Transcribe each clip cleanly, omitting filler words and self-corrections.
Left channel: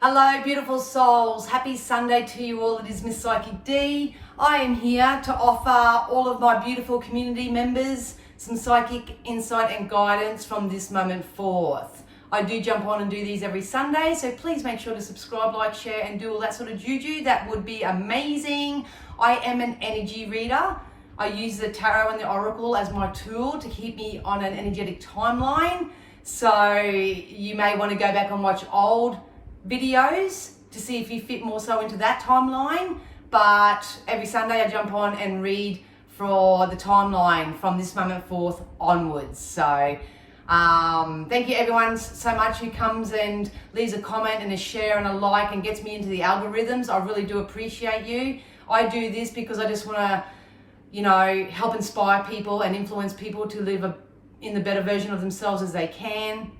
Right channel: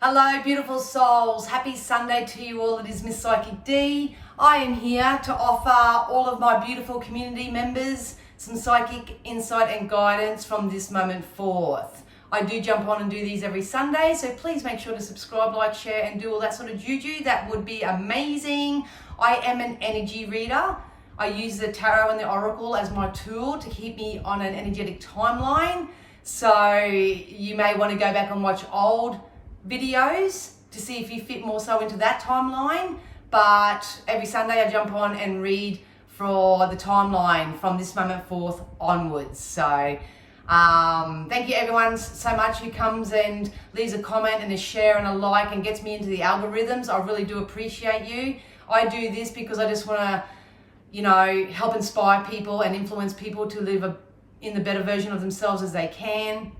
Hello, beautiful souls. Happy Sunday to you all. It is Miss Psychic D. I am here to offer all of my beautiful community members some psychic insight and guidance from this moment forth. I do jump on and do these every Sunday, so please make sure to subscribe, like, share, and do all that sort of juju. That would be amazing. I am an energy reader. I use the tarot and the oracle as my tool to keep me on an energetic timeline. So you may want to go back and watch old videos to see if you fit more so into that timeline, but every Sunday I jump on and read for the timeline from this moment forth onwards. So thank you everyone so much who comes and leaves a comment and a share and a like and gets me into the algorithms. I really do appreciate you. I do this because I just want to, help inspire people and influence people to live in the better version of themselves as they can.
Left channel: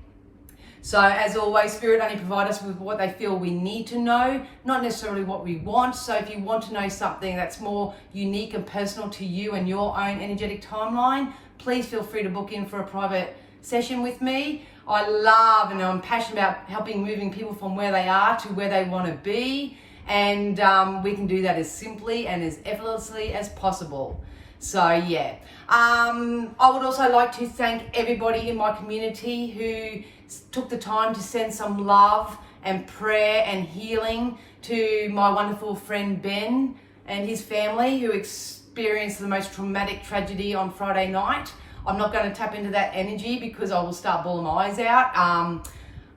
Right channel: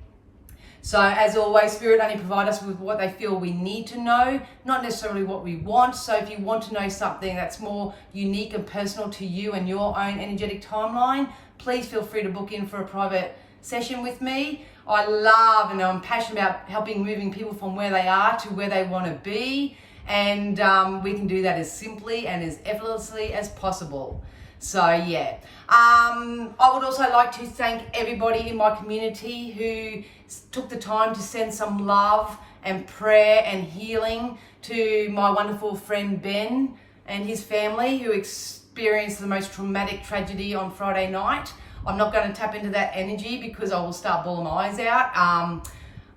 So as always, Spirit only provide us with what they feel we need to know, not necessarily what we want. So if you want to know something that's more unique and personal to you and your own energetic timeline, please feel free to book in for a private session with me. I love and I'm passionate about helping moving people from where they are to where they want to be. And we can do that as simply and as effortlessly as possible. So yeah, I would also like to thank everybody in my community who took the time to send some love and prayer and healing to my wonderful friend Ben and his family who experienced the most traumatic tragedy on Friday night. I'm not going to tap into that energy because I will start bawling my eyes out.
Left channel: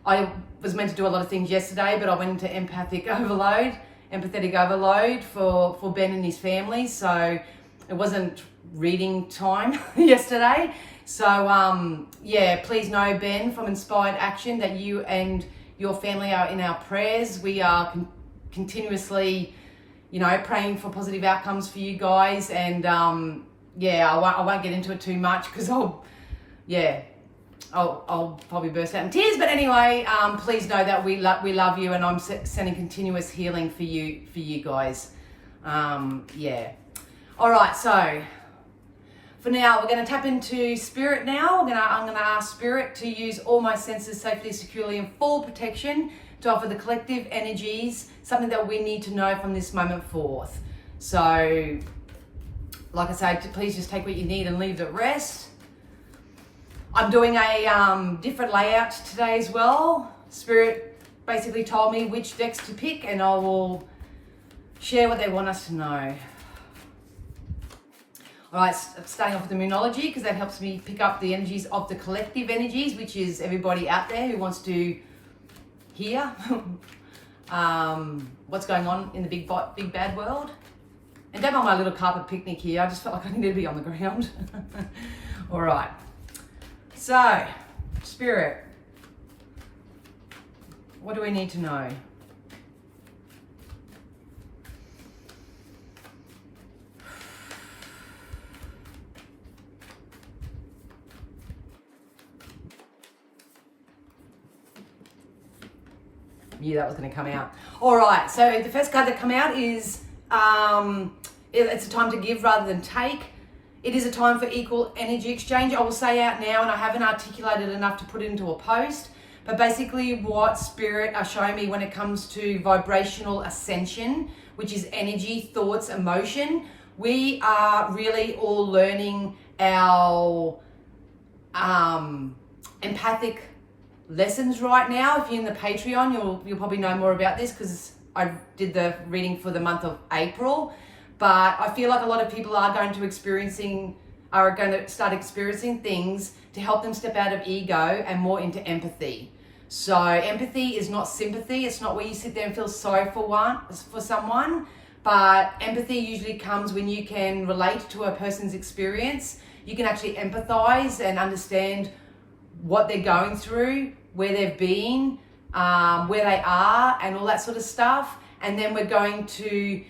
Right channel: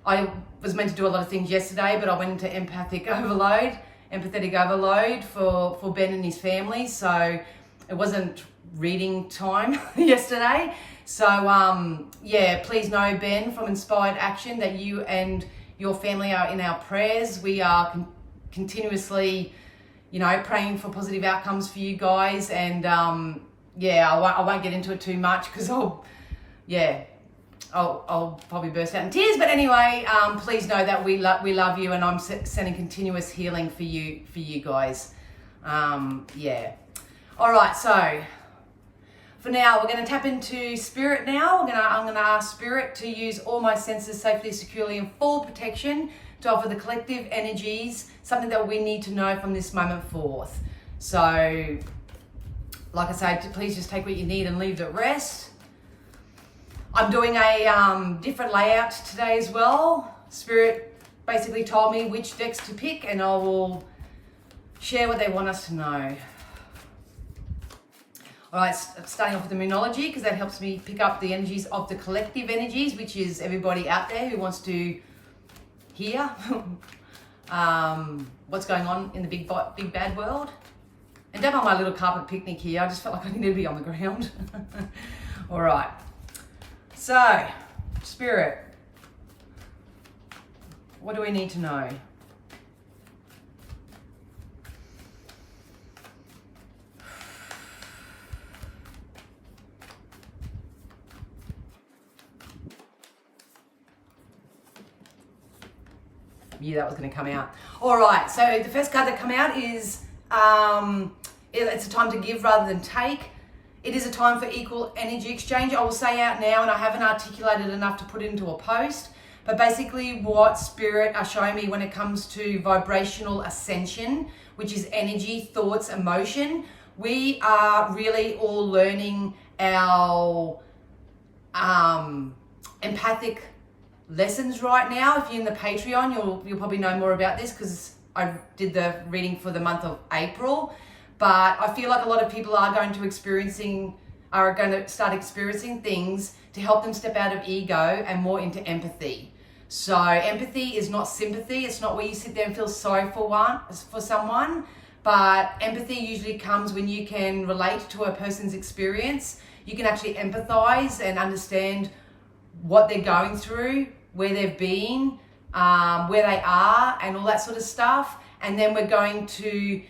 I was meant to do a lot of things yesterday, but I went into empathetic overload for Ben and his family. So it wasn't reading time yesterday. So please know, Ben, from Inspired Action, that you and your family are in our prayers. We are continuously, praying for positive outcomes for you guys. And I won't get into it too much because I'll probably burst out in tears. But anyway, please know that we love you, and I'm sending continuous healing for you guys. All right, so for now, we're going to tap into Spirit now. I'm going to ask Spirit to use all my senses safely, securely, and full protection to offer the collective energies something that we need to know from this moment forth. So, like I said, please just take what you need and leave the rest. I'm doing a different layout today as well. Spirit basically told me which decks to pick, and I will share what they want us to know. All right, starting off with Immunology, because that helps me pick up the energies of the collective energies, which is everybody out there who wants to hear what's going on in the big bad world. And don't mind my little carpet picnic here. I just felt like I needed to be on the ground. All right. So, Spirit, what do we need to know? Yeah, that was going to come out. All right, so the first card that come out is it's a time to give rather than take. It is a time for equal energy exchange. I will say out now, and I haven't articulated enough to put into a post, but basically what Spirit are showing me when it comes to vibrational ascension, which is energy, thoughts, emotion, we are really all learning our empathic lessons right now. If you're in the Patreon, you'll probably know more about this because I did the reading for the month of April. But I feel like a lot of people are going to start experiencing things to help them step out of ego and more into empathy. So empathy is not sympathy. It's not where you sit there and feel sorry for someone. But empathy usually comes when you can relate to a person's experience. You can actually empathize and understand what they're going through, where they've been, where they are, and all that sort of stuff. And then we're going to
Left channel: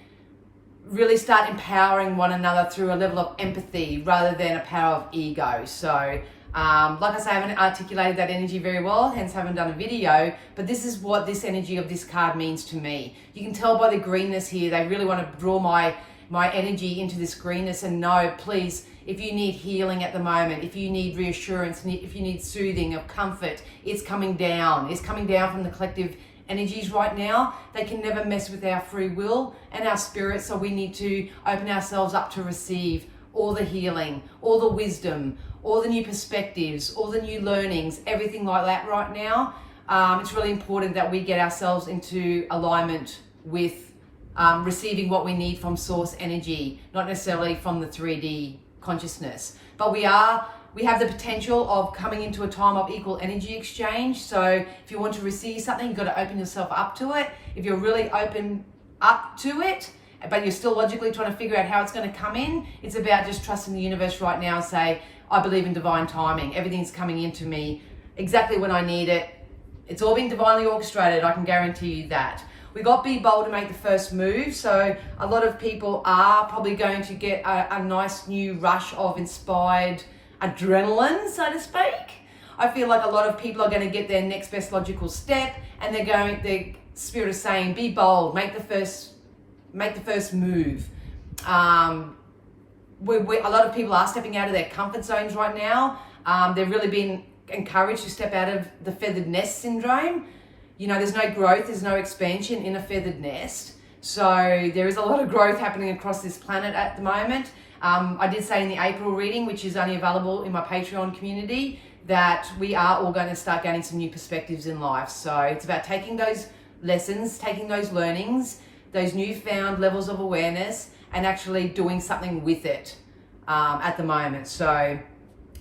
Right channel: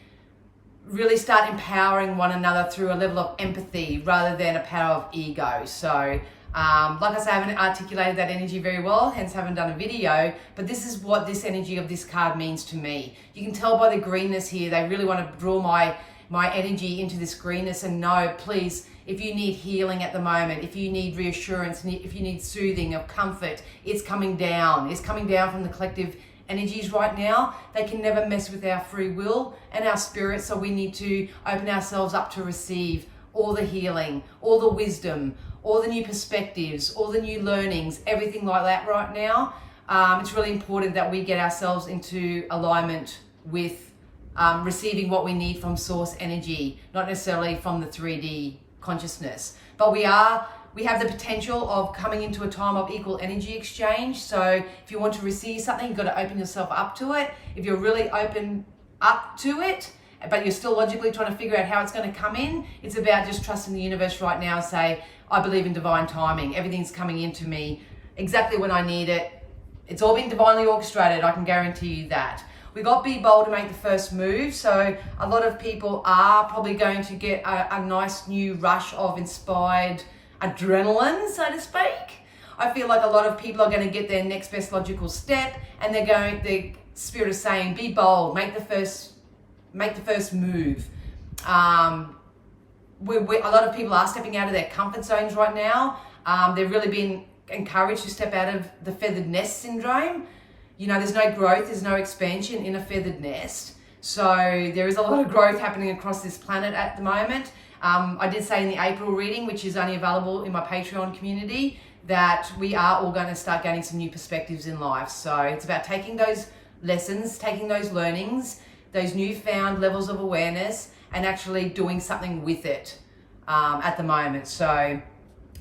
really start empowering one another through a level of empathy rather than a power of ego. So, like I say, I haven't articulated that energy very well, hence haven't done a video, but this is what this energy of this card means to me. You can tell by the greenness here, they really want to draw my energy into this greenness. And no, please, if you need healing at the moment, if you need reassurance, if you need soothing of comfort, it's coming down. It's coming down from the collective energies right now. They can never mess with our free will and our spirit, so we need to open ourselves up to receive all the healing, all the wisdom, all the new perspectives, all the new learnings, everything like that right now. It's really important that we get ourselves into alignment with receiving what we need from source energy, not necessarily from the 3D consciousness. But we have the potential of coming into a time of equal energy exchange. So if you want to receive something, you've got to open yourself up to it. If you're really open up to it, but you're still logically trying to figure out how it's going to come in, it's about just trusting the universe right now and say, I believe in divine timing. Everything's coming into me exactly when I need it. It's all been divinely orchestrated, I can guarantee you that. We got be bold to make the first move. So a lot of people are probably going to get a nice new rush of inspired adrenaline, so to speak. I feel like a lot of people are going to get their next best logical step, and the spirit is saying, be bold, make the first move. A lot of people are stepping out of their comfort zones right now. They're really being encouraged to step out of the feathered nest syndrome. You know, there's no growth, there's no expansion in a feathered nest. So there is a lot of growth happening across this planet at the moment. I did say in the April reading, which is only available in my Patreon community, that we are all going to start gaining some new perspectives in life. So it's about taking those lessons, taking those learnings, those newfound levels of awareness, and actually doing something with it at the moment. So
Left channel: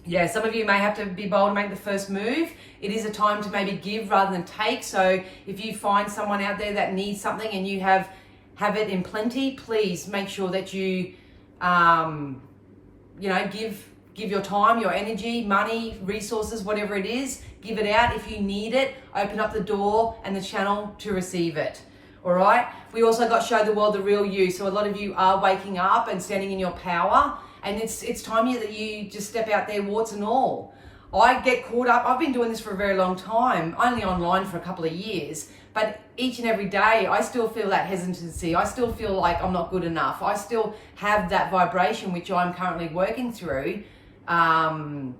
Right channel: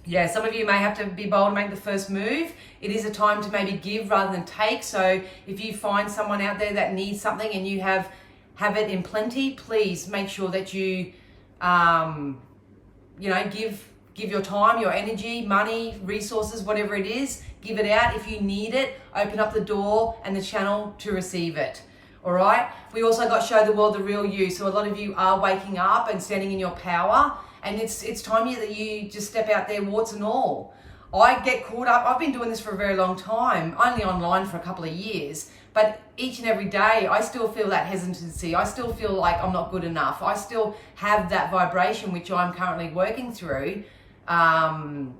yeah, some of you may have to be bold and make the first move. It is a time to maybe give rather than take. So if you find someone out there that needs something and you have it in plenty, please make sure that you give your time, your energy, money, resources, whatever it is, give it out. If you need it, open up the door and the channel to receive it. All right. We also got Show the World the Real You. So a lot of you are waking up and standing in your power, and it's time here that you just step out there, warts and all. I get caught up. I've been doing this for a very long time, only online for a couple of years, but each and every day I still feel that hesitancy. I still feel like I'm not good enough. I still have that vibration, which I'm currently working through, and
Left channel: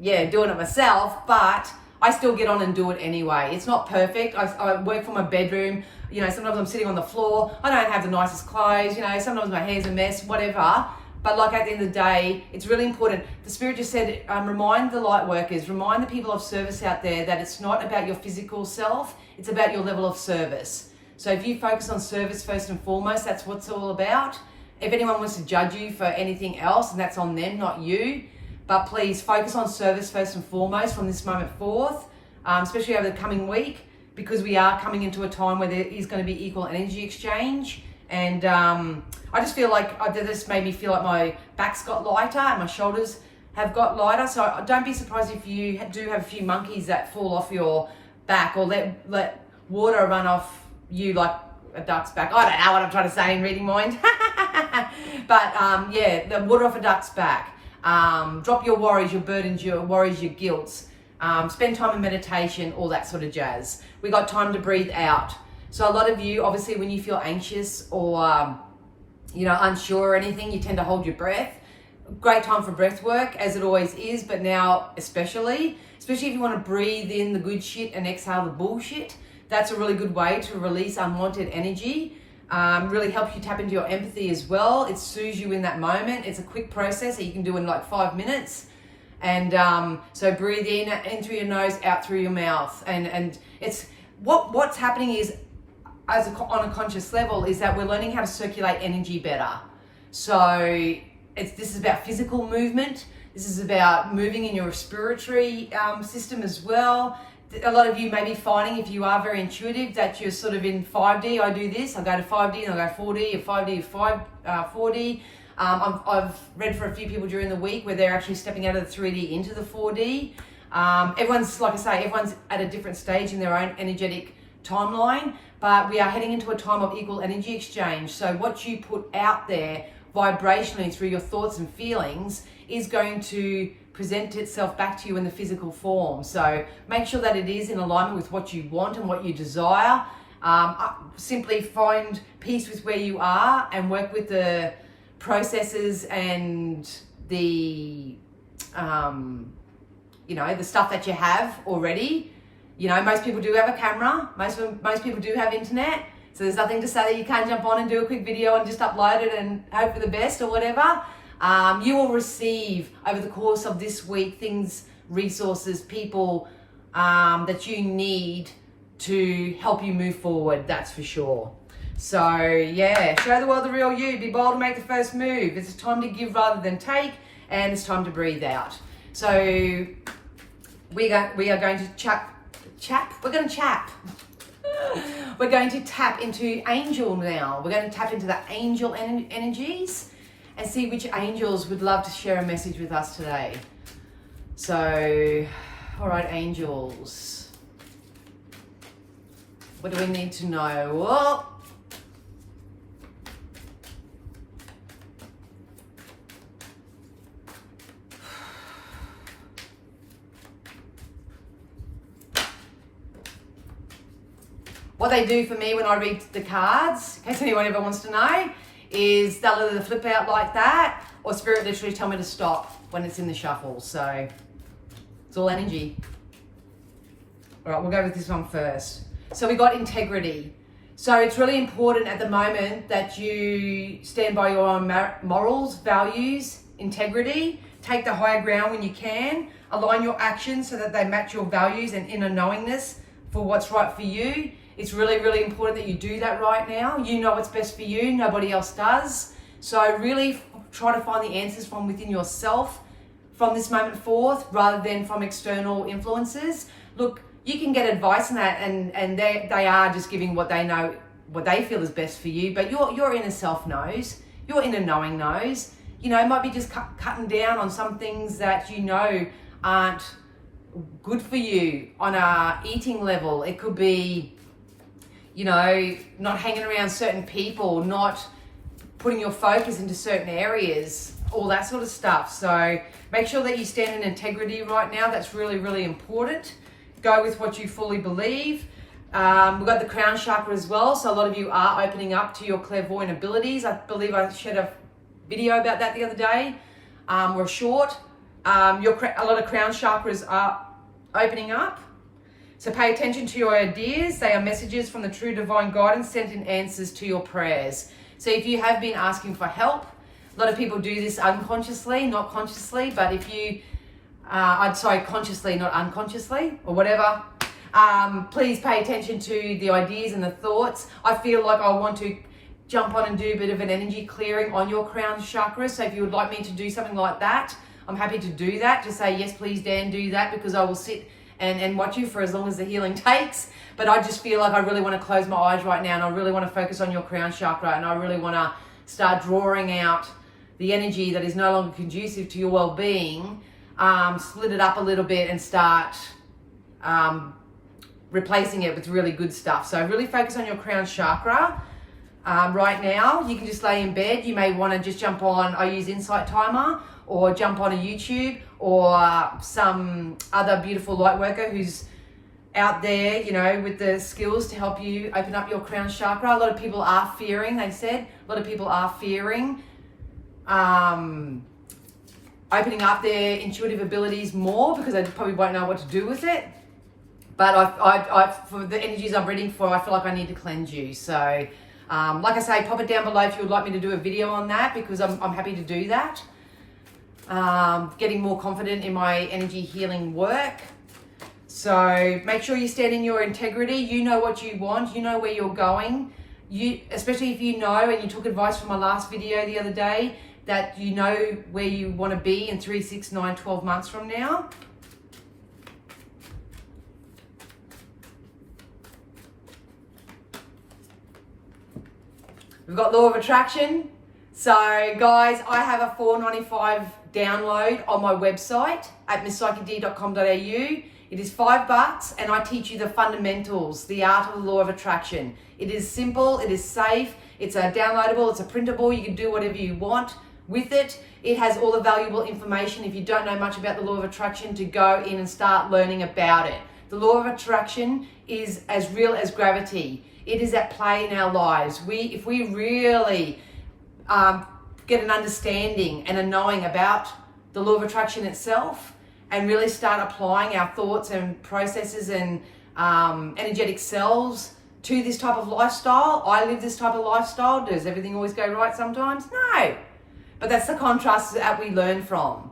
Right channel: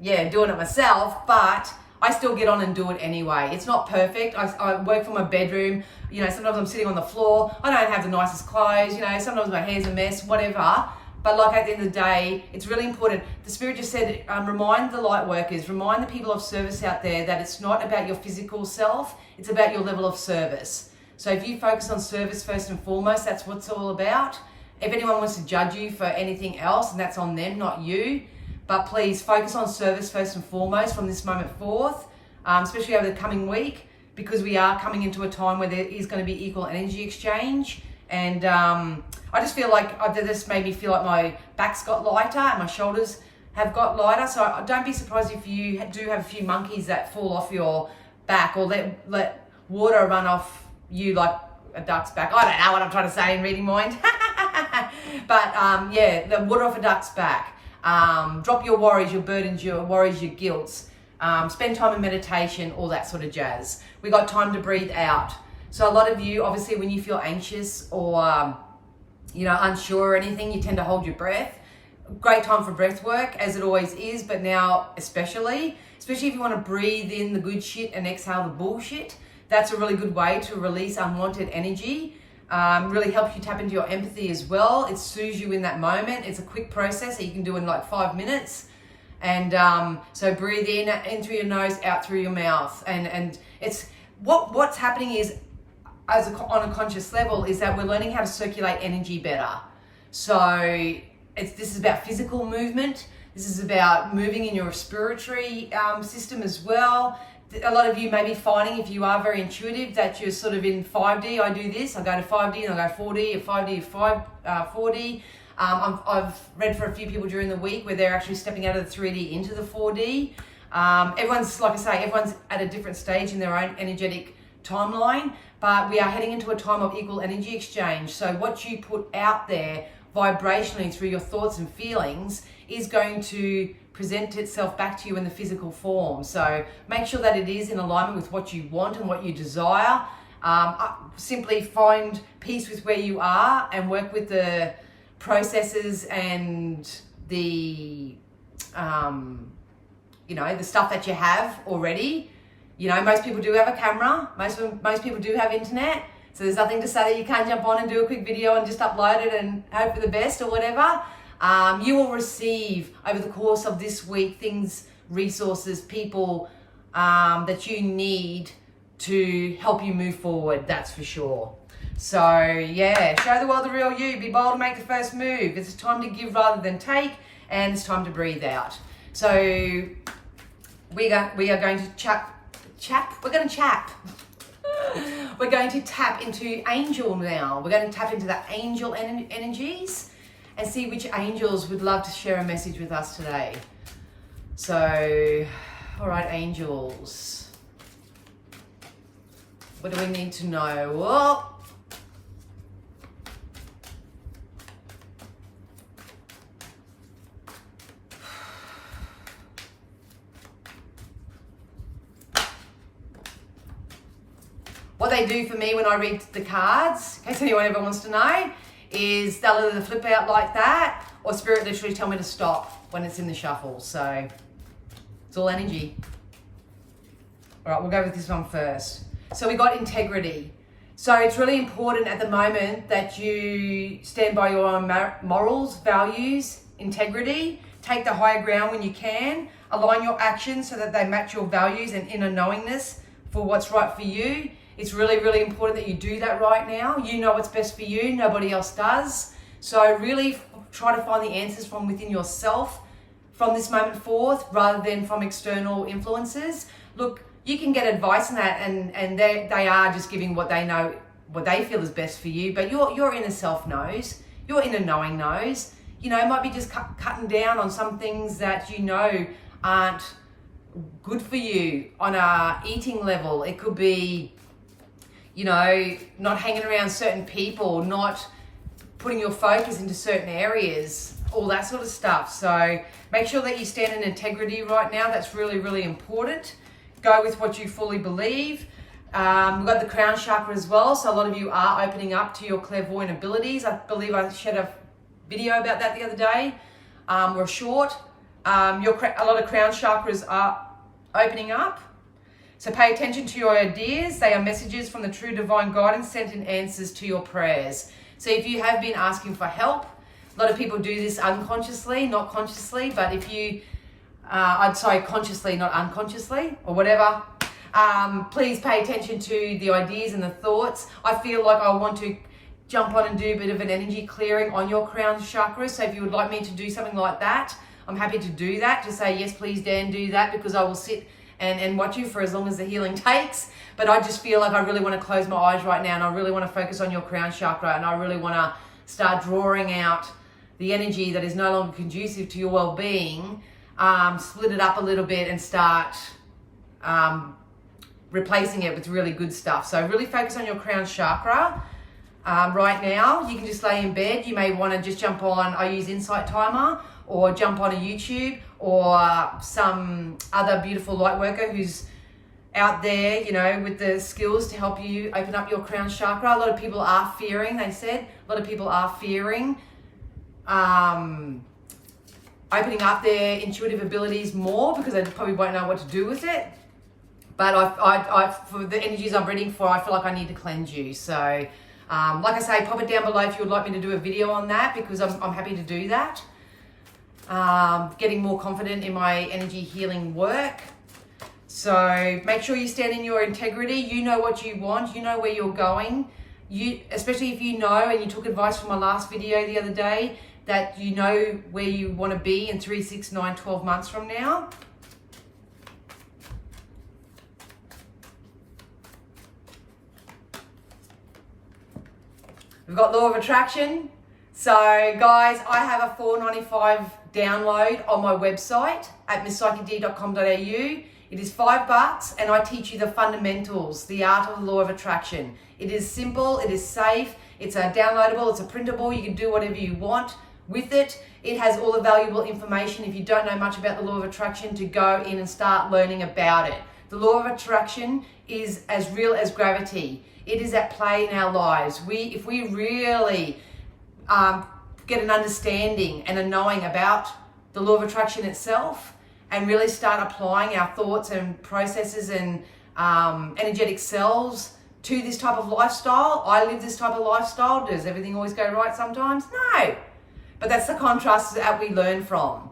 yeah, doing it myself, but I still get on and do it anyway. It's not perfect. I work from my bedroom. You know, sometimes I'm sitting on the floor. I don't have the nicest clothes. You know, sometimes my hair's a mess, whatever. But like at the end of the day, it's really important. The Spirit just said, remind the light workers, remind the people of service out there that it's not about your physical self. It's about your level of service. So if you focus on service first and foremost, that's what it's all about. If anyone wants to judge you for anything else, and that's on them, not you. But please focus on service first and foremost from this moment forth, especially over the coming week, because we are coming into a time where there is going to be equal energy exchange. And I just feel like this made me feel like my back's got lighter and my shoulders have got lighter. So don't be surprised if you do have a few monkeys that fall off your back, or let water run off you like a duck's back. I don't know what I'm trying to say in reading mind. But yeah, the water off a duck's back. Drop your worries, your burdens, your worries, your guilts. Spend time in meditation, all that sort of jazz. We got time to breathe out. So a lot of you, obviously, when you feel anxious or unsure or anything, you tend to hold your breath. Great time for breath work, as it always is, but now especially if you want to breathe in the good shit and exhale the bullshit. That's a really good way to release unwanted energy. Really helps you tap into your empathy as well. It soothes you in that moment. It's a quick process that you can do in like 5 minutes. And so breathe in through your nose, out through your mouth. And it's what's happening is, on a conscious level, is that we're learning how to circulate energy better. So this is about physical movement. This is about moving in your respiratory system as well. A lot of you may be finding, if you are very intuitive, that you're sort of in 5D. I do this. I go to 5D and I go 4D, 5D, 4D. I've read for a few people during the week where they're actually stepping out of the 3D into the 4D. Everyone's, like I say, everyone's at a different stage in their own energetic timeline, but we are heading into a time of equal energy exchange. So what you put out there vibrationally through your thoughts and feelings is going to present itself back to you in the physical form. So make sure that it is in alignment with what you want and what you desire. Simply find peace with where you are and work with the processes and the the stuff that you have already. You know, most people do have a camera. Most people do have internet. So there's nothing to say that you can't jump on and do a quick video and just upload it and hope for the best or whatever. You will receive over the course of this week things, resources, people that you need to help you move forward, that's for sure. So yeah, show the world the real you, be bold and make the first move. It's time to give rather than take, and it's time to breathe out. So we are going to We're going to tap into angel now. We're going to tap into the angel energies and see which angels would love to share a message with us today. So, all right, angels. What do we need to know? Well, what they do for me when I read the cards, in case anyone ever wants to know, is they'll either flip out like that or Spirit literally tell me to stop when it's in the shuffle. So it's all energy. All right, we'll go with this one first. So we got integrity. So it's really important at the moment that you stand by your own morals, values, integrity. Take the higher ground when you can. Align your actions so that they match your values and inner knowingness for what's right for you. It's really, really important that you do that right now. You know what's best for you. Nobody else does. So really try to find the answers from within yourself from this moment forth rather than from external influences. Look, you can get advice on that and they are just giving what they know, what they feel is best for you. But your inner self knows. Your inner knowing knows. You know, it might be just cutting down on some things that you know aren't good for you on a eating level. It could be, you know, not hanging around certain people, not putting your focus into certain areas, all that sort of stuff. So make sure that you stand in integrity right now. That's really, really important. Go with what you fully believe. We've got the crown chakra as well. So a lot of you are opening up to your clairvoyant abilities. I believe I shared a video about that the other day, or a short. A lot of crown chakras are opening up. So pay attention to your ideas. They are messages from the true divine guidance sent in answers to your prayers. So if you have been asking for help, a lot of people do this unconsciously, not consciously, but if you, consciously, not unconsciously, or whatever, please pay attention to the ideas and the thoughts. I feel like I want to jump on and do a bit of an energy clearing on your crown chakra. So if you would like me to do something like that, I'm happy to do that. Just say, yes, please, Dan, do that, because I will sit and watch you for as long as the healing takes. But I just feel like I really want to close my eyes right now, and I really want to focus on your crown chakra, and I really want to start drawing out the energy that is no longer conducive to your well-being, split it up a little bit and start replacing it with really good stuff. So really focus on your crown chakra. Right now, you can just lay in bed. You may want to just jump on, I use Insight Timer, or jump on a YouTube, or some other beautiful light worker who's out there, you know, with the skills to help you open up your crown chakra. A lot of people are fearing, they said, a lot of people are fearing opening up their intuitive abilities more because they probably won't know what to do with it. But I for the energies I'm reading for, I feel like I need to cleanse you. So, like I say, pop it down below if you would like me to do a video on that, because I'm happy to do that. Getting more confident in my energy healing work. So make sure you stand in your integrity. You know what you want. You know where you're going. Especially if you know, and you took advice from my last video the other day, that you know where you want to be in 3, 6, 9, 12 months from now. We've got Law of Attraction. So guys, I have a $4.95 download on my website at misspsychicd.com.au. It is $5 and I teach you the fundamentals, the art of the law of attraction. It is simple, it is safe, it's a downloadable, it's a printable, you can do whatever you want with it. It has all the valuable information if you don't know much about the law of attraction to go in and start learning about it. The law of attraction is as real as gravity. It is at play in our lives. If we really get an understanding and a knowing about the law of attraction itself, and really start applying our thoughts and processes and energetic selves to this type of lifestyle. I live this type of lifestyle. Does everything always go right sometimes? No. But that's the contrast that we learn from.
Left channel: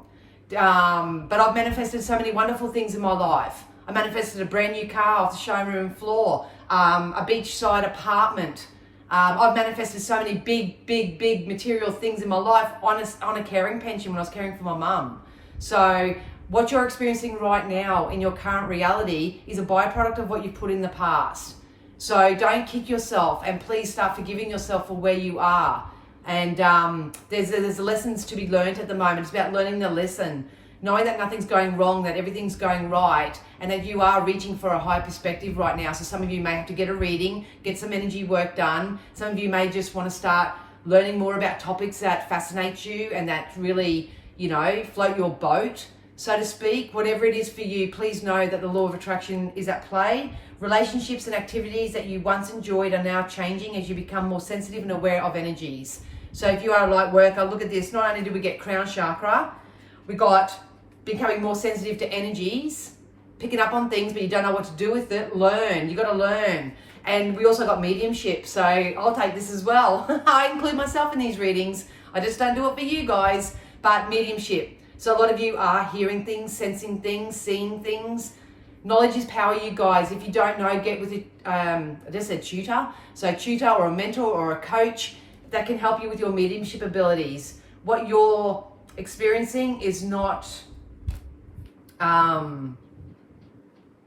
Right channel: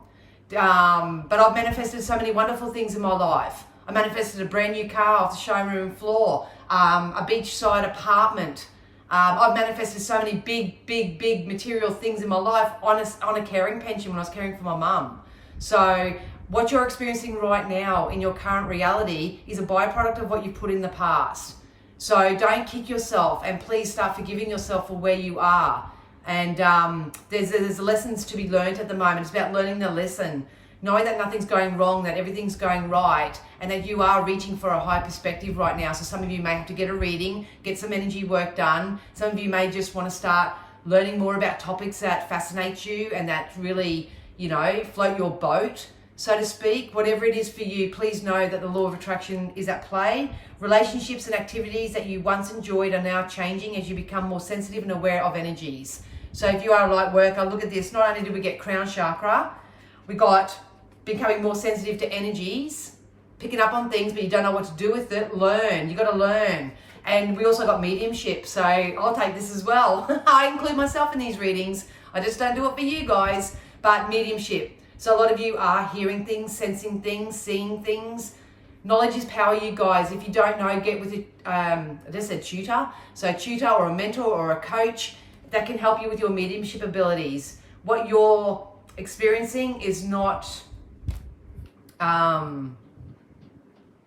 But I've manifested so many wonderful things in my life. I manifested a brand new car off the showroom floor, a beachside apartment. I've manifested so many big material things in my life on a caring pension when I was caring for my mum. So what you're experiencing right now in your current reality is a byproduct of what you've put in the past. So don't kick yourself, and please start forgiving yourself for where you are. And there's lessons to be learned at the moment. It's about learning the lesson, knowing that nothing's going wrong, that everything's going right, and that you are reaching for a high perspective right now. So some of you may have to get a reading, get some energy work done. Some of you may just want to start learning more about topics that fascinate you and that really, float your boat, so to speak. Whatever it is for you, please know that the law of attraction is at play. Relationships and activities that you once enjoyed are now changing as you become more sensitive and aware of energies. So if you are a light worker, look at this. Not only did we get crown chakra, we got becoming more sensitive to energies, picking up on things, but you don't know what to do with it. Learn. You got to learn. And we also got mediumship. So I'll take this as well. I include myself in these readings. I just don't do it for you guys, but mediumship. So a lot of you are hearing things, sensing things, seeing things. Knowledge is power, you guys. If you don't know, get with I just said tutor. So a tutor or a mentor or a coach that can help you with your mediumship abilities. What you're experiencing is not,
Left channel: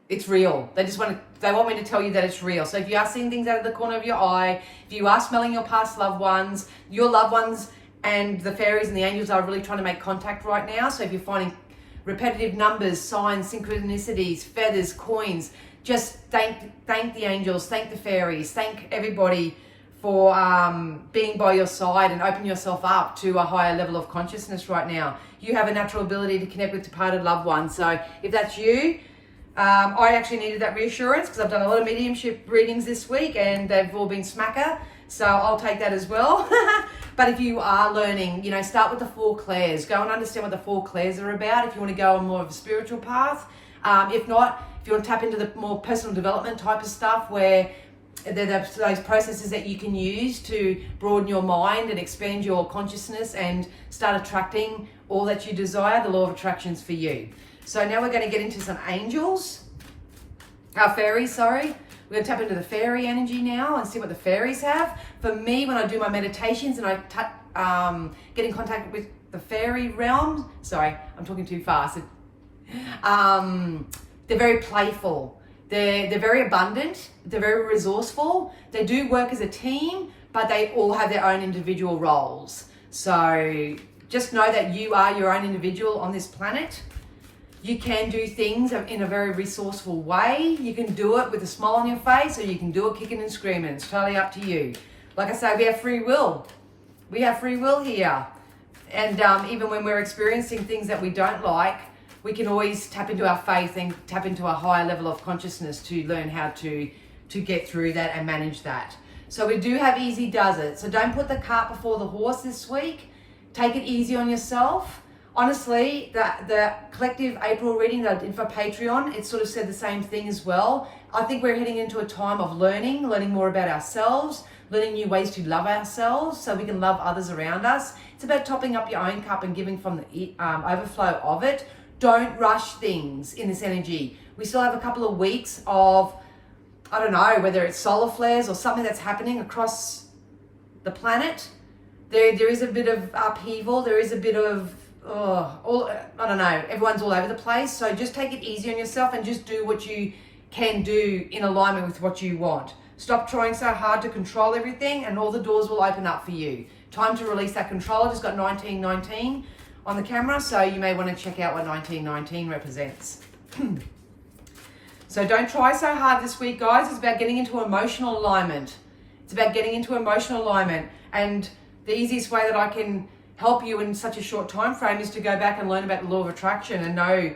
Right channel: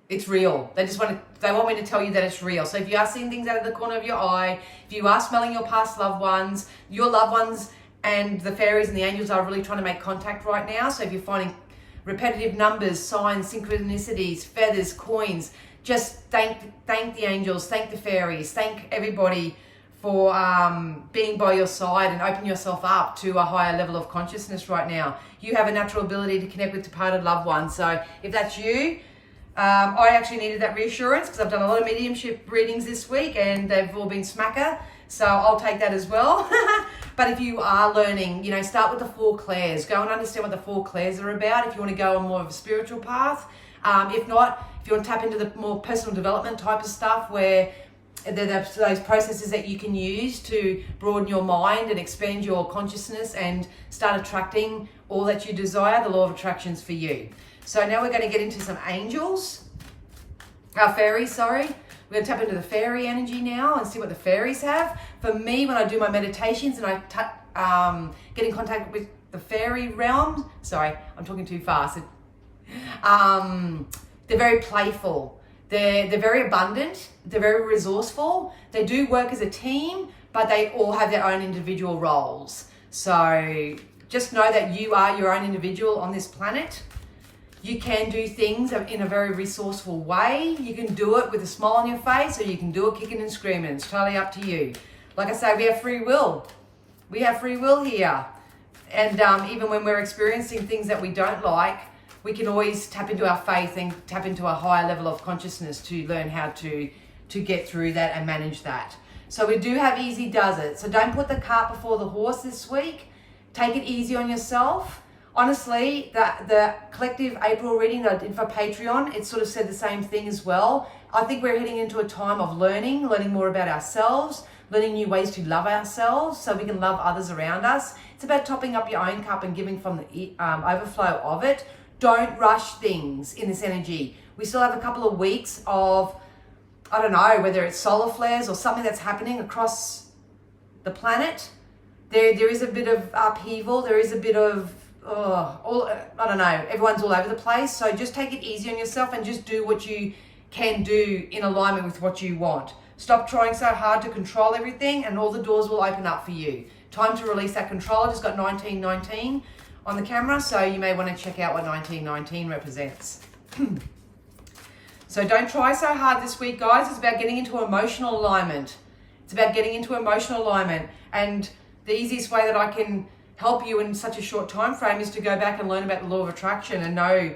it's real. They want me to tell you that it's real. So if you are seeing things out of the corner of your eye, if you are smelling your past loved ones, your loved ones and the fairies and the angels are really trying to make contact right now. So if you're finding repetitive numbers, signs, synchronicities, feathers, coins, just thank the angels, thank the fairies, thank everybody for being by your side and open yourself up to a higher level of consciousness right now. You have a natural ability to connect with departed loved ones. So if that's you, I actually needed that reassurance because I've done a lot of mediumship readings this week and they've all been smacker. So I'll take that as well. But if you are learning, start with the 4 clairs. Go and understand what the 4 clairs are about if you want to go on more of a spiritual path. If not, if you want to tap into the more personal development type of stuff where those processes that you can use to broaden your mind and expand your consciousness and start attracting all that you desire, the law of attraction's for you. So now we're going to get into some angels. Fairies, sorry. We're going to tap into the fairy energy now and see what the fairies have. For me, when I do my meditations and I get in contact with the fairy realm, sorry, I'm talking too fast. They're very playful. They're very abundant. They're very resourceful. They do work as a team, but they all have their own individual roles. So just know that you are your own individual on this planet. You can do things in a very resourceful way. You can do it with a smile on your face, or you can do it kicking and screaming. It's totally up to you. Like I say, we have free will. We have free will here. And even when we're experiencing things that we don't like, we can always tap into our faith and tap into a higher level of consciousness to learn how to get through that and manage that. So we do have easy does it. So don't put the cart before the horse this week. Take it easy on yourself. Honestly, the collective April reading that I did for Patreon, it sort of said the same thing as well. I think we're heading into a time of learning more about ourselves, learning new ways to love ourselves so we can love others around us. It's about topping up your own cup and giving from the overflow of it. Don't rush things in this energy. We still have a couple of weeks of, I don't know, whether it's solar flares or something that's happening across the planet. There is a bit of upheaval. There is a bit of, I don't know, everyone's all over the place. So just take it easy on yourself and just do what you can do in alignment with what you want. Stop trying so hard to control everything and all the doors will open up for you. Time to release that control. I just got 1919 on the camera, so you may want to check out what 1919 represents. So don't try so hard this week, guys. It's about getting into emotional alignment. It's about getting into emotional alignment. And the easiest way that I can help you in such a short time frame is to go back and learn about the law of attraction and know,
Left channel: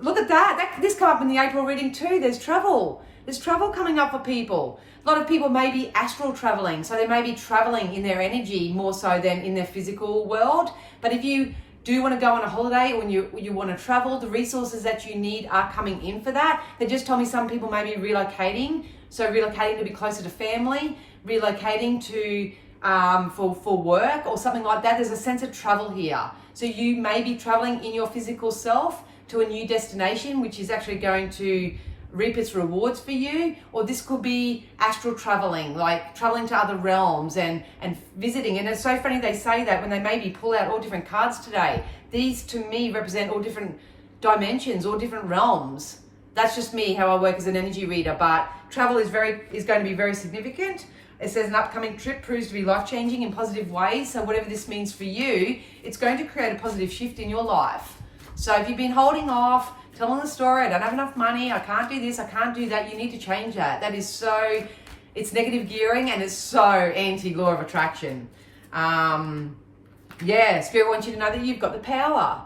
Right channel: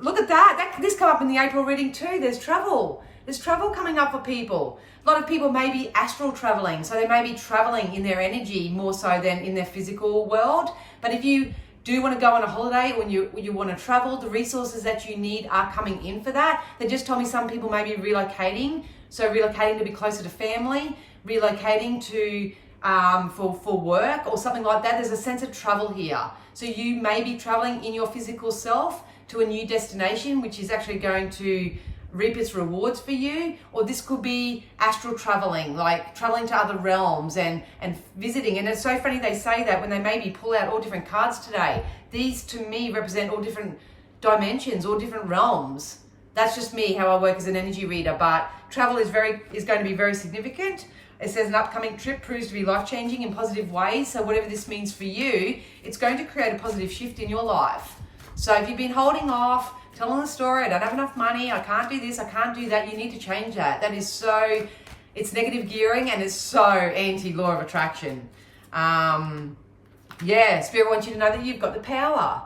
look at that. This came up in the April reading too. There's travel. There's travel coming up for people. A lot of people may be astral traveling. So they may be traveling in their energy more so than in their physical world. But if you do want to go on a holiday or when you want to travel, the resources that you need are coming in for that. They just told me some people may be relocating. So relocating to be closer to family, relocating to for work or something like that. There's a sense of travel here. So you may be traveling in your physical self to a new destination, which is actually going to reap its rewards for you. Or this could be astral traveling, like traveling to other realms and visiting. And it's so funny they say that when they maybe pull out all different cards today. These to me represent all different dimensions, all different realms. That's just me, how I work as an energy reader. But travel is going to be very significant. It says an upcoming trip proves to be life-changing in positive ways. So whatever this means for you, it's going to create a positive shift in your life. So if you've been holding off, telling the story, I don't have enough money, I can't do this, I can't do that, you need to change that. That is so, it's negative gearing and it's so anti-law of attraction. Spirit wants you to know that you've got the power.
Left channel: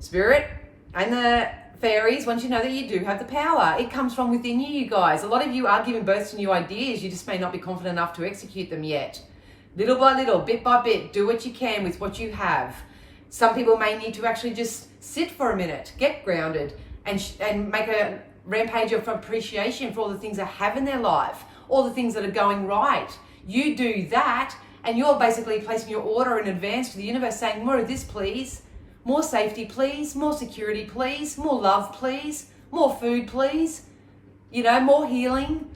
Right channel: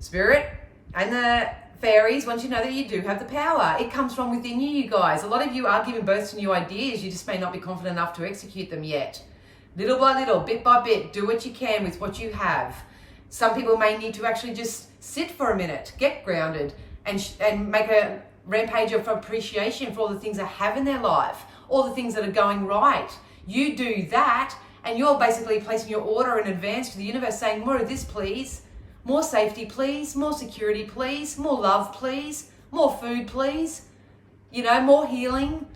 Spirit and the fairies want you to know that you do have the power. It comes from within you, you guys. A lot of you are giving birth to new ideas. You just may not be confident enough to execute them yet. Little by little, bit by bit, do what you can with what you have. Some people may need to actually just sit for a minute, get grounded, and make a rampage of appreciation for all the things they have in their life, all the things that are going right. You do that, and you're basically placing your order in advance to the universe saying, more of this, please. More safety, please. More security, please. More love, please. More food, please. More healing,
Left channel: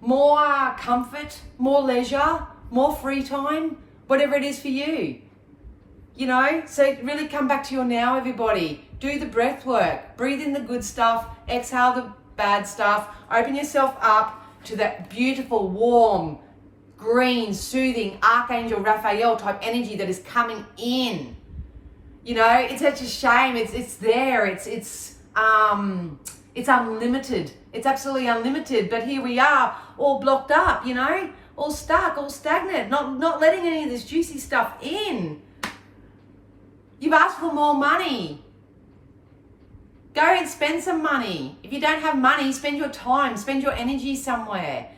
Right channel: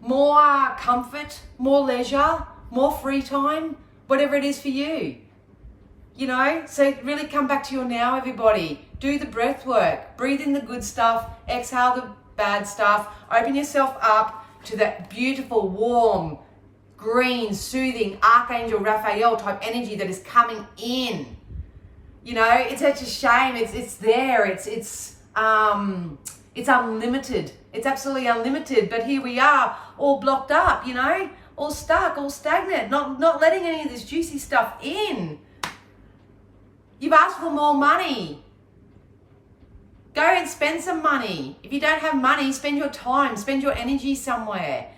more comfort, more leisure, more free time, whatever it is for you. So really come back to your now, everybody. Do the breath work. Breathe in the good stuff. Exhale the bad stuff. Open yourself up to that beautiful, warm, green, soothing Archangel Raphael type energy that is coming in. It's such a shame. It's there. It's unlimited. It's absolutely unlimited. But here we are, all blocked up. All stuck, all stagnant, not letting any of this juicy stuff in. You've asked for more money. Go and spend some money. If you don't have money, spend your time, spend your energy somewhere.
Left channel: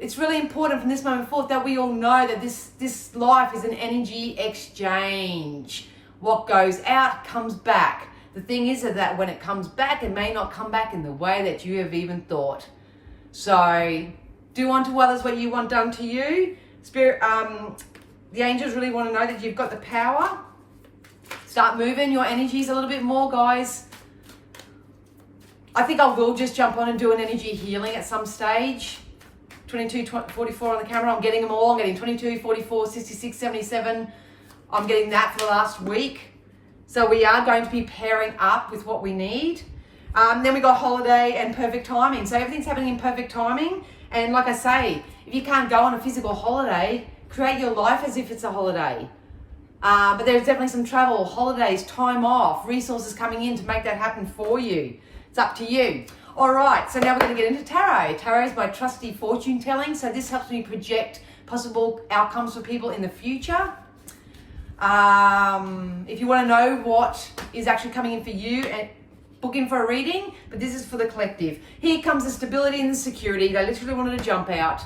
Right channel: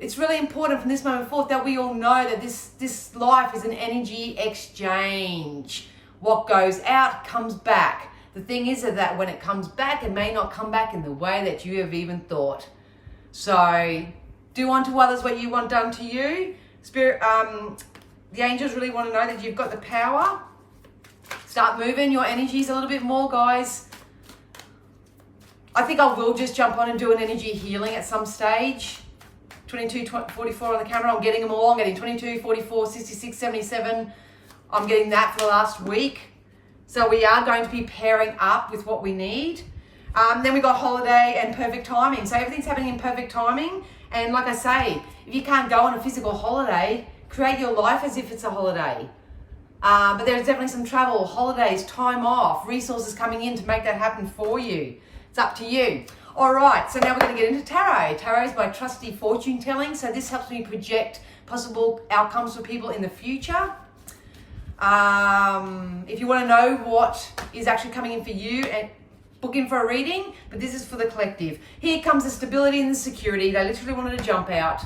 It's really important from this moment forth that we all know that this life is an energy exchange. What goes out comes back. The thing is that when it comes back, it may not come back in the way that you have even thought. So do unto others what you want done to you. Spirit, the angels really want to know that you've got the power. Start moving your energies a little bit more, guys. I think I will just jump on and do an energy healing at some stage. 22, 44 on the camera. I'm getting them all. I'm getting 22, 44, 66, 77. I'm getting that for the last week. So we are going to be pairing up with what we need. Then we got holiday and perfect timing. So everything's happening in perfect timing. And like I say, if you can't go on a physical holiday, create your life as if it's a holiday. But there's definitely some travel, holidays, time off, resources coming in to make that happen for you. It's up to you. All right, so now we're going to get into tarot. Tarot is my trusty fortune telling. So this helps me project possible outcomes for people in the future. If you want to know what is actually coming in for you, and book in for a reading, but this is for the collective. Here comes the stability and the security. They literally wanted to jump out.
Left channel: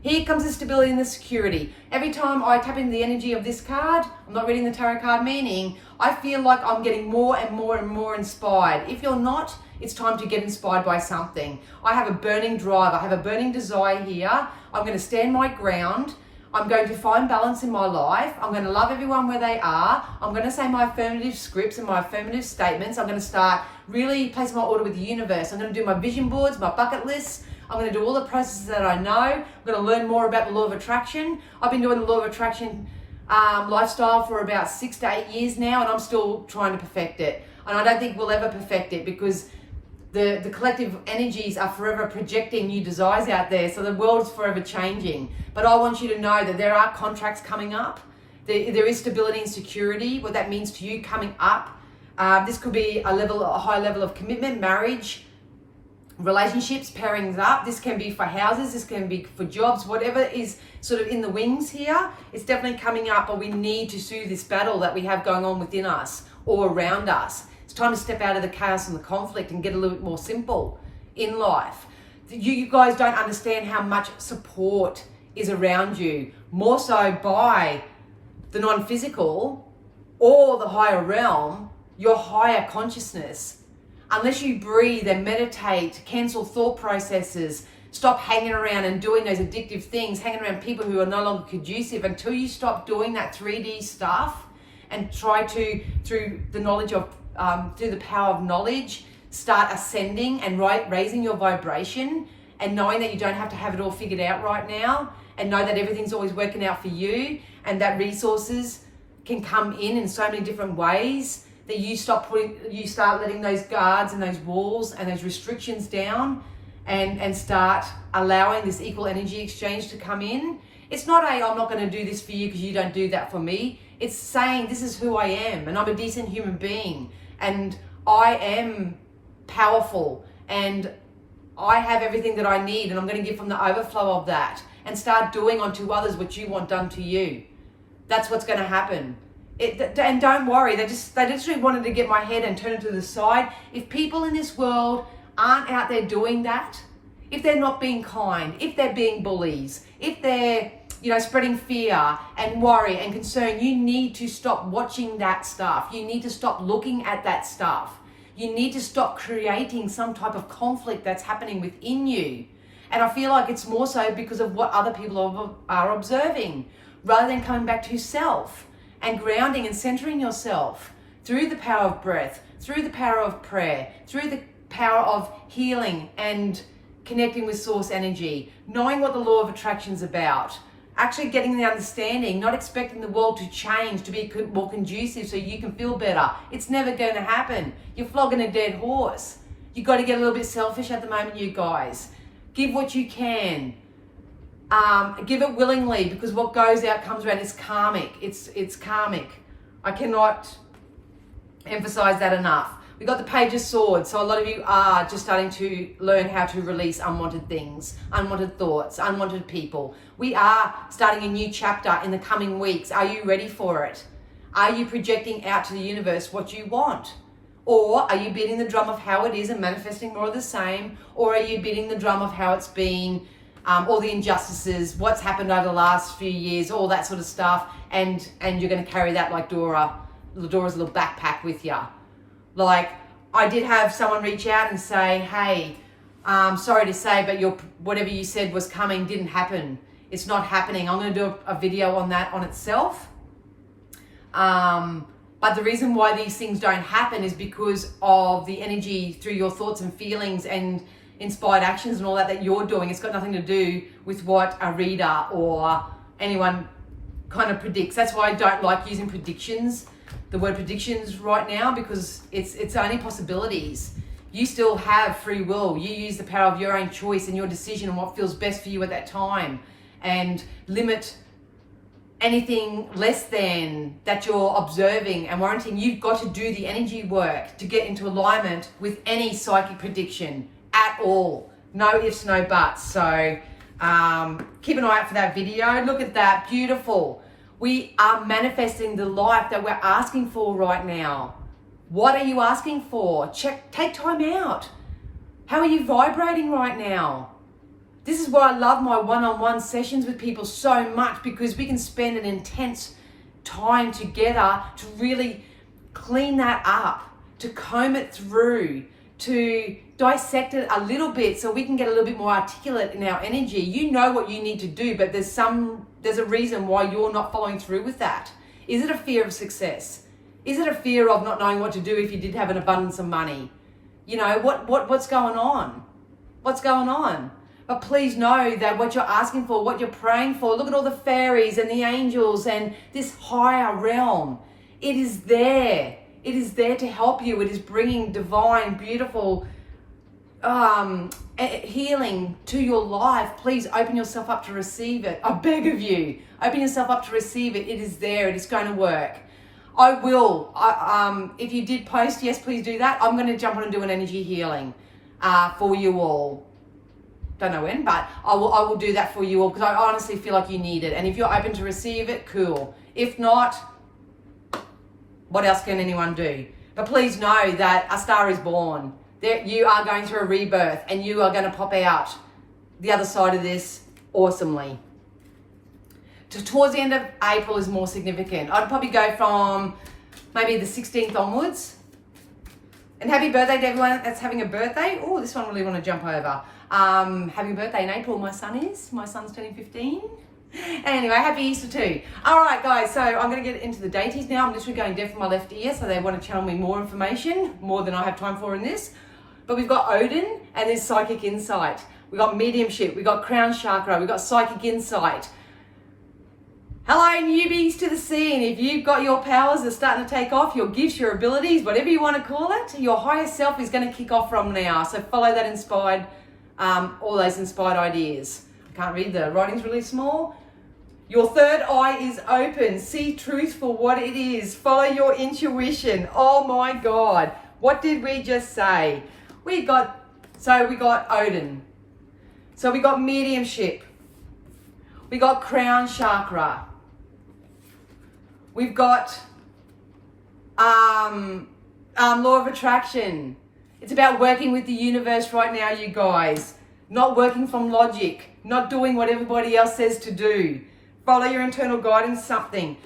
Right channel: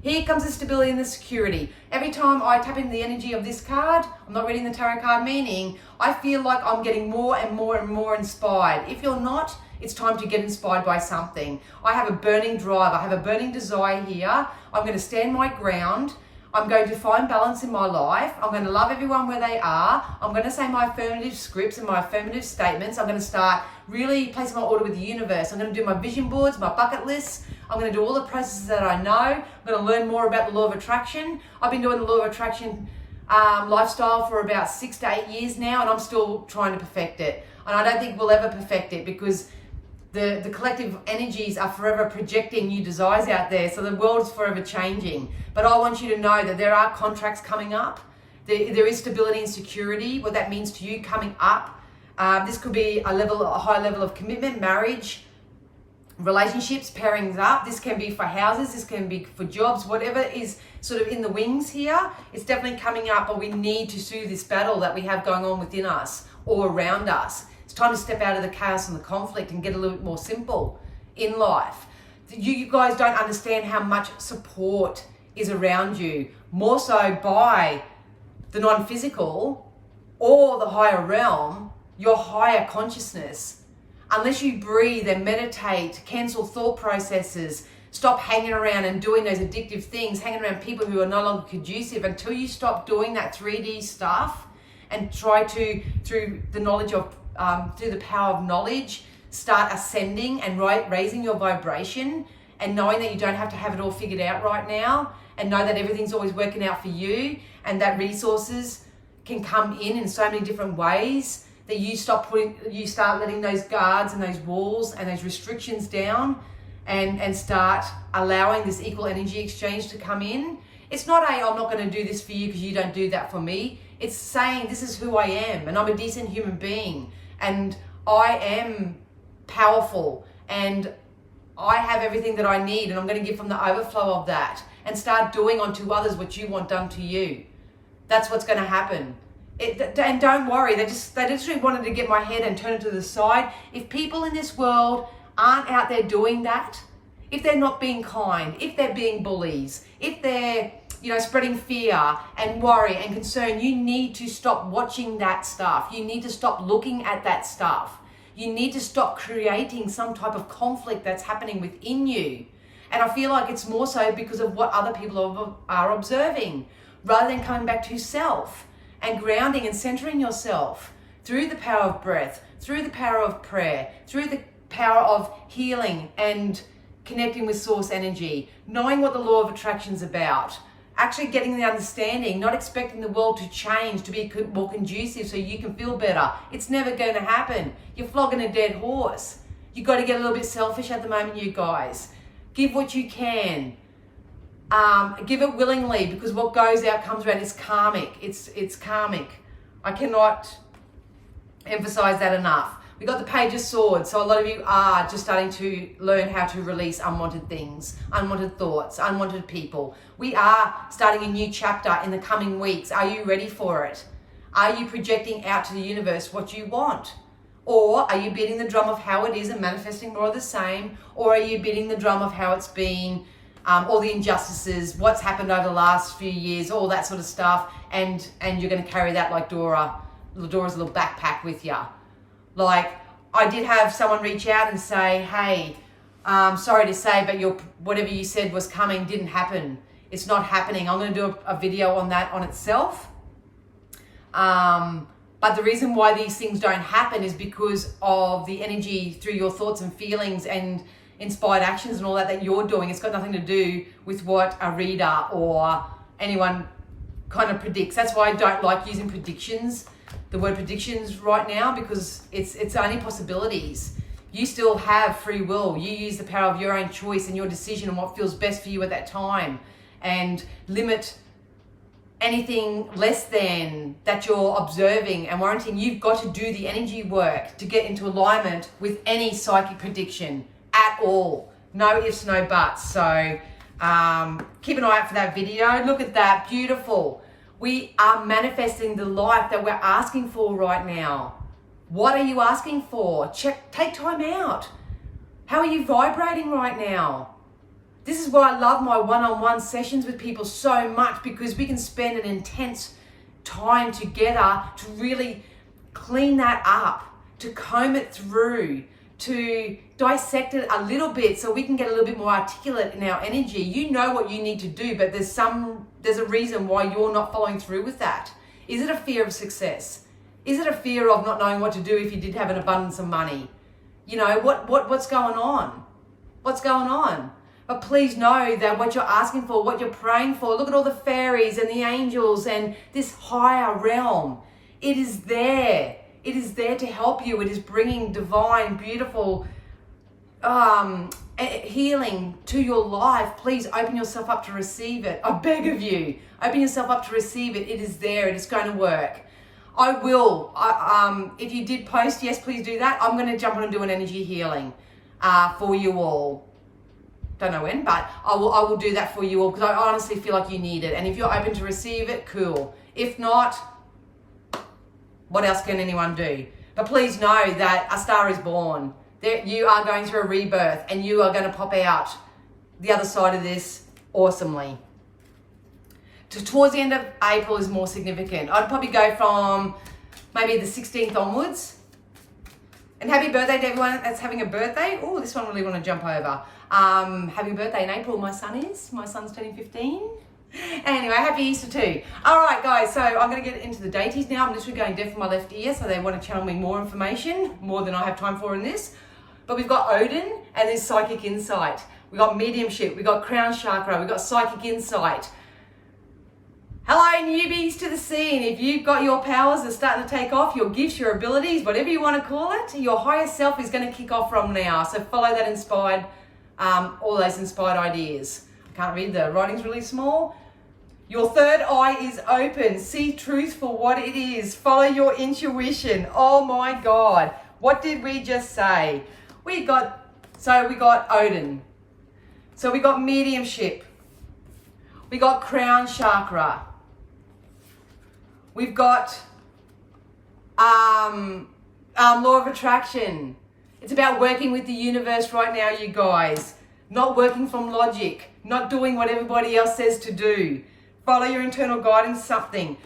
Here comes the stability and the security. Every time I tap into the energy of this card, I'm not reading the tarot card meaning, I feel like I'm getting more and more and more inspired. If you're not, it's time to get inspired by something. I have a burning drive. I have a burning desire here. I'm going to stand my ground. I'm going to find balance in my life. I'm going to love everyone where they are. I'm going to say my affirmative scripts and my affirmative statements. I'm going to start really placing my order with the universe. I'm going to do my vision boards, my bucket lists. I'm going to do all the processes that I know. I'm going to learn more about the law of attraction. I've been doing the law of attraction lifestyle for about 6 to 8 years now, and I'm still trying to perfect it. And I don't think we'll ever perfect it because the collective energies are forever projecting new desires out there. So the world's forever changing. But I want you to know that there are contracts coming up. There is stability and security, what that means to you coming up. This could be a high level of commitment, marriage, relationships, pairings up. This can be for houses, this can be for jobs, whatever is sort of in the wings here. It's definitely coming up, but we need to soothe this battle that we have going on within us or around us. It's time to step out of the chaos and the conflict and get a little bit more simple in life. You guys don't understand how much support is around you, more so by the non-physical or the higher realm, your higher consciousness. Unless you breathe and meditate, cancel thought processes, stop hanging around and doing those addictive things, hanging around people who are no longer conducive, until you stop doing that 3D stuff and try to, through the knowledge of, through the power of knowledge, start ascending and raising your vibration, and knowing that you don't have to have it all figured out right now, and know that everything's always working out for you, and that resources can come in so many different ways, that you start letting those guards and those walls and those restrictions down, and start allowing this equal energy exchange to come in. It's not I'm not going to do this for you because you don't do that for me. It's saying this is who I am, and I'm a decent human being, and I am powerful, and I have everything that I need, and I'm going to give from the overflow of that, and start doing unto others what you want done to you. That's what's going to happen. And don't worry, they literally wanted to get my head and turn it to the side. If people in this world aren't out there doing that, if they're not being kind, if they're being bullies, if they're spreading fear and worry and concern, you need to stop watching that stuff. You need to stop looking at that stuff. You need to stop creating some type of conflict that's happening within you. And I feel like it's more so because of what other people are observing, rather than coming back to self and grounding and centering yourself through the power of breath, through the power of prayer, through the power of healing and connecting with source energy, knowing what the law of attraction is about, actually getting the understanding, not expecting the world to change to be more conducive so you can feel better. It's never going to happen. You're flogging a dead horse. You've got to get a little bit selfish at the moment, you guys. Give what you can. Give it willingly, because what goes out comes around. It's karmic. It's karmic. I cannot emphasize that enough. We got the Page of Swords, so a lot of you are just starting to learn how to release unwanted things, unwanted thoughts, unwanted people. We are starting a new chapter in the coming weeks. Are you ready for it? Are you projecting out to the universe what you want? Or are you beating the drum of how it is and manifesting more of the same? Or are you beating the drum of how it's been, all the injustices, what's happened over the last few years, all that sort of stuff, and you're going to carry that like Dora's little backpack with you? Like, I did have someone reach out and say, hey, sorry to say, but whatever you said was coming didn't happen. It's not happening. I'm going to do a video on that on itself. But the reason why these things don't happen is because of the energy through your thoughts and feelings and inspired actions and all that you're doing. It's got nothing to do with what a reader or anyone kind of predicts. That's why I don't like using predictions, the word predictions right now, because it's only possibilities. You still have free will. You use the power of your own choice and your decision and what feels best for you at that time, and limit anything less than that you're observing and warranting. You've got to do the energy work to get into alignment with any psychic prediction at all. No ifs, no buts. So keep an eye out for that video. Look at that, beautiful. We are manifesting the life that we're asking for right now. What are you asking for? Take time out. How are you vibrating right now? This is why I love my one-on-one sessions with people so much, because we can spend an intense time together to really clean that up, to comb it through, to dissect it a little bit so we can get a little bit more articulate in our energy. You know what you need to do, but there's a reason why you're not following through with that. Is it a fear of success? Is it a fear of not knowing what to do if you did have an abundance of money? You know, what's going on? What's going on? But please know that what you're asking for, what you're praying for, look at all the fairies and the angels and this higher realm. It is there. It is there to help you. It is bringing divine, beautiful healing to your life. Please open yourself up to receive it. I beg of you, open yourself up to receive it. It is there. It is going to work. I will. If you did post, yes, please do that. I'm going to jump on and do an energy healing for you all. Don't know when, but I will do that for you all, because I honestly feel like you need it. And if you're open to receive it, cool. If not, what else can anyone do? But please know that a star is born. You are going through a rebirth, and you are going to pop out the other side of this awesomely. Towards the end of April is more significant. I'd probably go from maybe the 16th onwards. And happy birthday to everyone that's having a birthday. Oh, this one I really want to jump over. Happy birthday in April, my son's turning 15. Anyway, happy Easter too. All right, guys, so I'm going to get into the deities now. I'm literally going deaf for my left ear, so they want to channel me more information, more than I have time for in this. But we've got Odin and there's psychic insight. We've got mediumship, we've got crown chakra, we've got psychic insight. Hello, newbies to the scene. If you've got your powers that are starting to take off, your gifts, your abilities, whatever you want to call it, your higher self is going to kick off from now. So follow that inspired, all those inspired ideas. I can't read, the writing's really small. Your third eye is open. See truth for what it is. Follow your intuition. Oh my God. What did we just say? We got Odin. So we got mediumship. We got crown chakra. We've got law of attraction. It's about working with the universe right now, you guys. Not working from logic. Not doing what everybody else says to do. Follow your internal guidance, something.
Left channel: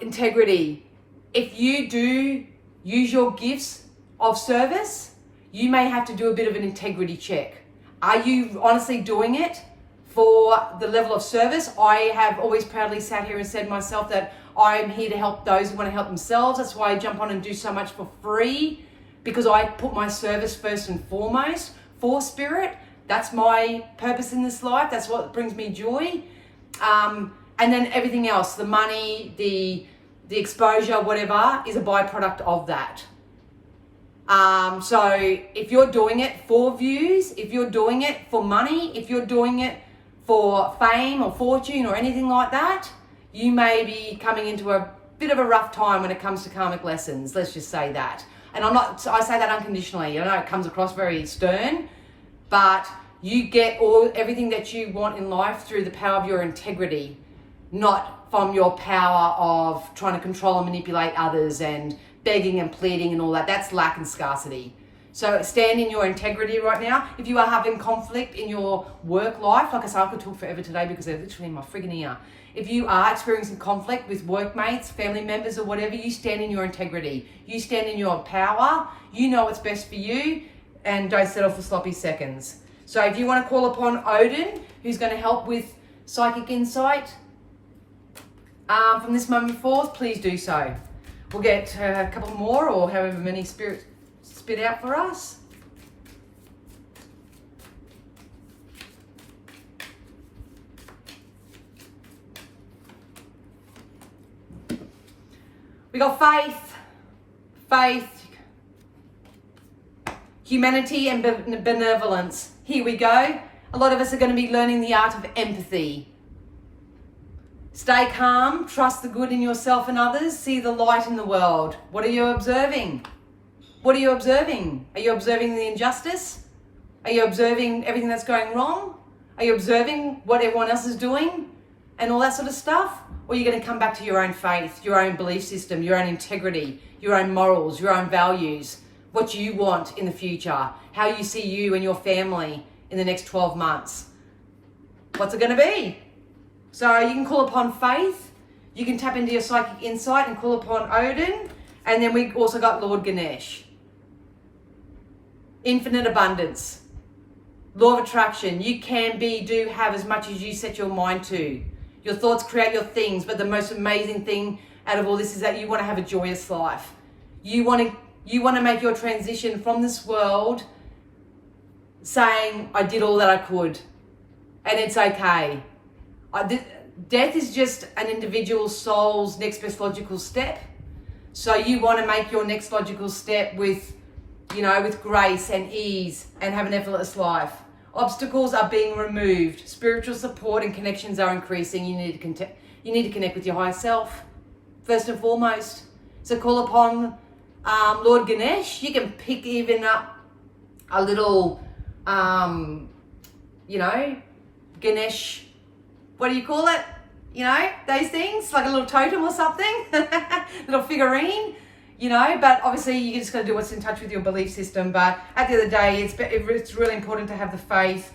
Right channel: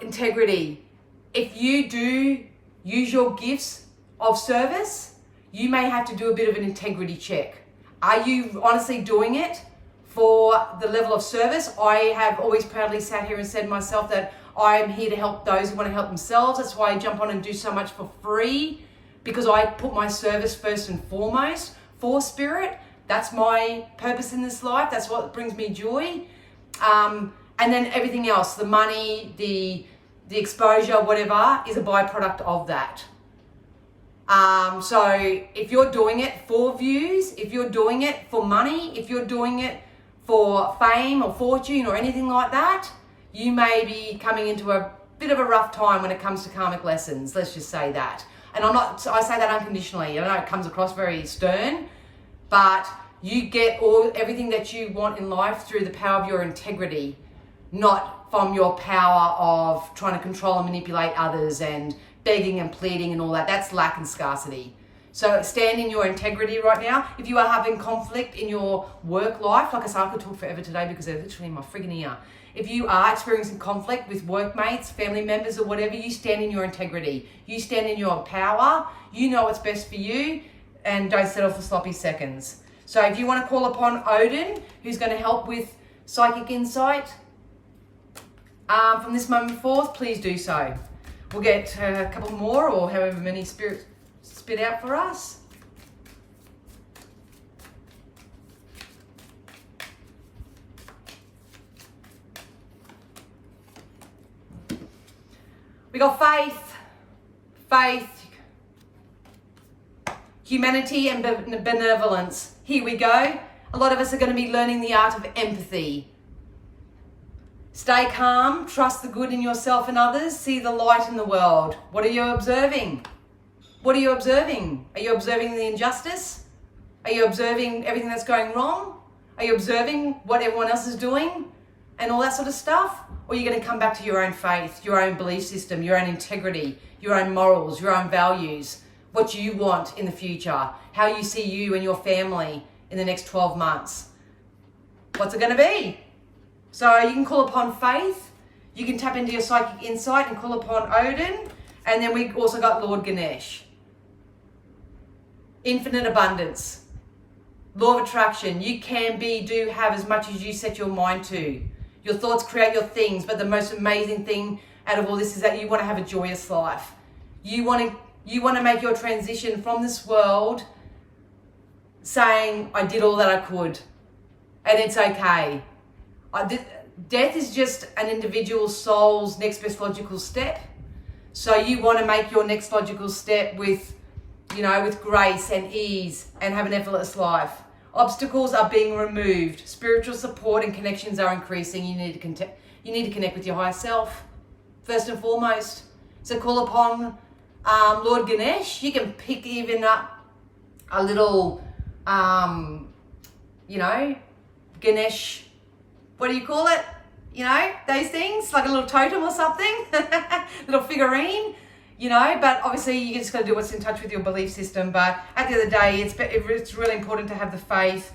Integrity. If you do use your gifts of service, you may have to do a bit of an integrity check. Are you honestly doing it for the level of service? I have always proudly sat here and said myself that I am here to help those who want to help themselves. That's why I jump on and do so much for free, because I put my service first and foremost for spirit. That's my purpose in this life. That's what brings me joy. And then everything else, the money, the exposure, whatever, is a byproduct of that. So if you're doing it for views, if you're doing it for money, if you're doing it for fame or fortune or anything like that, you may be coming into a bit of a rough time when it comes to karmic lessons. Let's just say that. And I say that unconditionally. I know it comes across very stern, but you get everything that you want in life through the power of your integrity, not from your power of trying to control and manipulate others and begging and pleading and all that. That's lack and scarcity. So stand in your integrity right now. If you are having conflict in your work life, like I said, I could talk forever today because they're literally in my friggin' ear. If you are experiencing conflict with workmates, family members or whatever, you stand in your integrity. You stand in your power. You know what's best for you, and don't settle for sloppy seconds. So if you want to call upon Odin, who's going to help with psychic insight from this moment forth, please do so. We'll get a couple more, or however many spirits spit out for us. We got faith, humanity and benevolence. Here we go. A lot of us are going to be learning the art of empathy. Stay calm, trust the good in yourself and others, see the light in the world. What are you observing? What are you observing? Are you observing the injustice? Are you observing everything that's going wrong? Are you observing what everyone else is doing and all that sort of stuff? Or are you going to come back to your own faith, your own belief system, your own integrity, your own morals, your own values, what you want in the future, how you see you and your family in the next 12 months? What's it going to be? So you can call upon faith, you can tap into your psychic insight and call upon Odin, and then we also got Lord Ganesh. Infinite abundance, law of attraction. You can be, do, have as much as you set your mind to. Your thoughts create your things, but the most amazing thing out of all this is that you want to have a joyous life. You want to make your transition from this world saying, I did all that I could, and it's okay. Death is just an individual soul's next best logical step. So you want to make your next logical step with grace and ease and have an effortless life. Obstacles are being removed. Spiritual support and connections are increasing. You need to connect with your higher self, first and foremost. So call upon Lord Ganesh. You can pick even up a little, Ganesh, what do you call it? Those things, like a little totem or something, little figurine, but obviously you just got to do what's in touch with your belief system. But at the end of the day, it's really important to have the faith.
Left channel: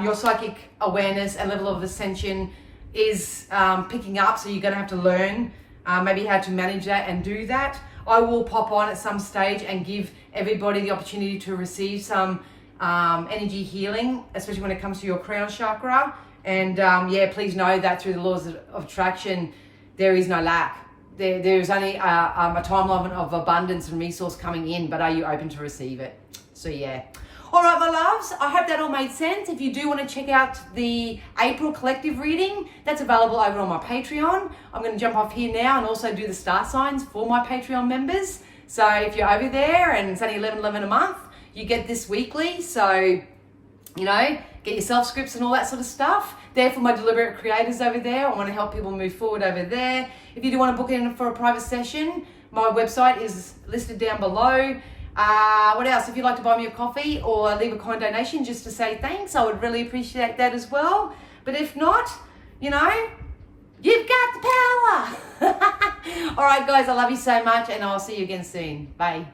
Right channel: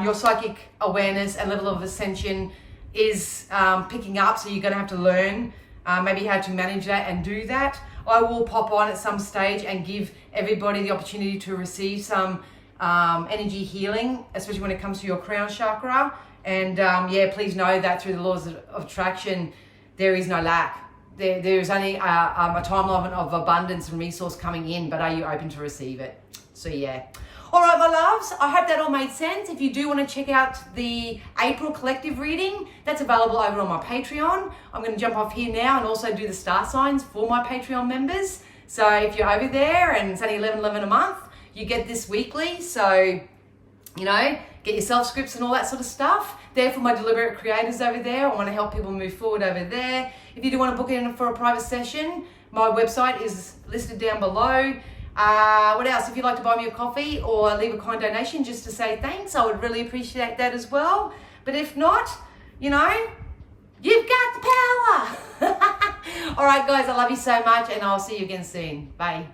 Your psychic awareness and level of ascension is picking up, so you're going to have to learn maybe how to manage that and do that. I will pop on at some stage and give everybody the opportunity to receive some energy healing, especially when it comes to your crown chakra. And yeah, please know that through the laws of attraction, there is no lack. There's only a timeline of abundance and resource coming in, but are you open to receive it? So yeah. All right, my loves, I hope that all made sense. If you do want to check out the April collective reading, that's available over on my Patreon. I'm going to jump off here now and also do the star signs for my Patreon members. So if you're over there and it's only $11.11 a month, you get this weekly. So, you know, get yourself scripts and all that sort of stuff. There for my deliberate creators over there. I want to help people move forward over there. If you do want to book in for a private session, my website is listed down below. What else? If you'd like to buy me a coffee or leave a kind donation just to say thanks, I would really appreciate that as well. But if not, you know, you've got the power. All right, guys, I love you so much, and I'll see you again soon. Bye.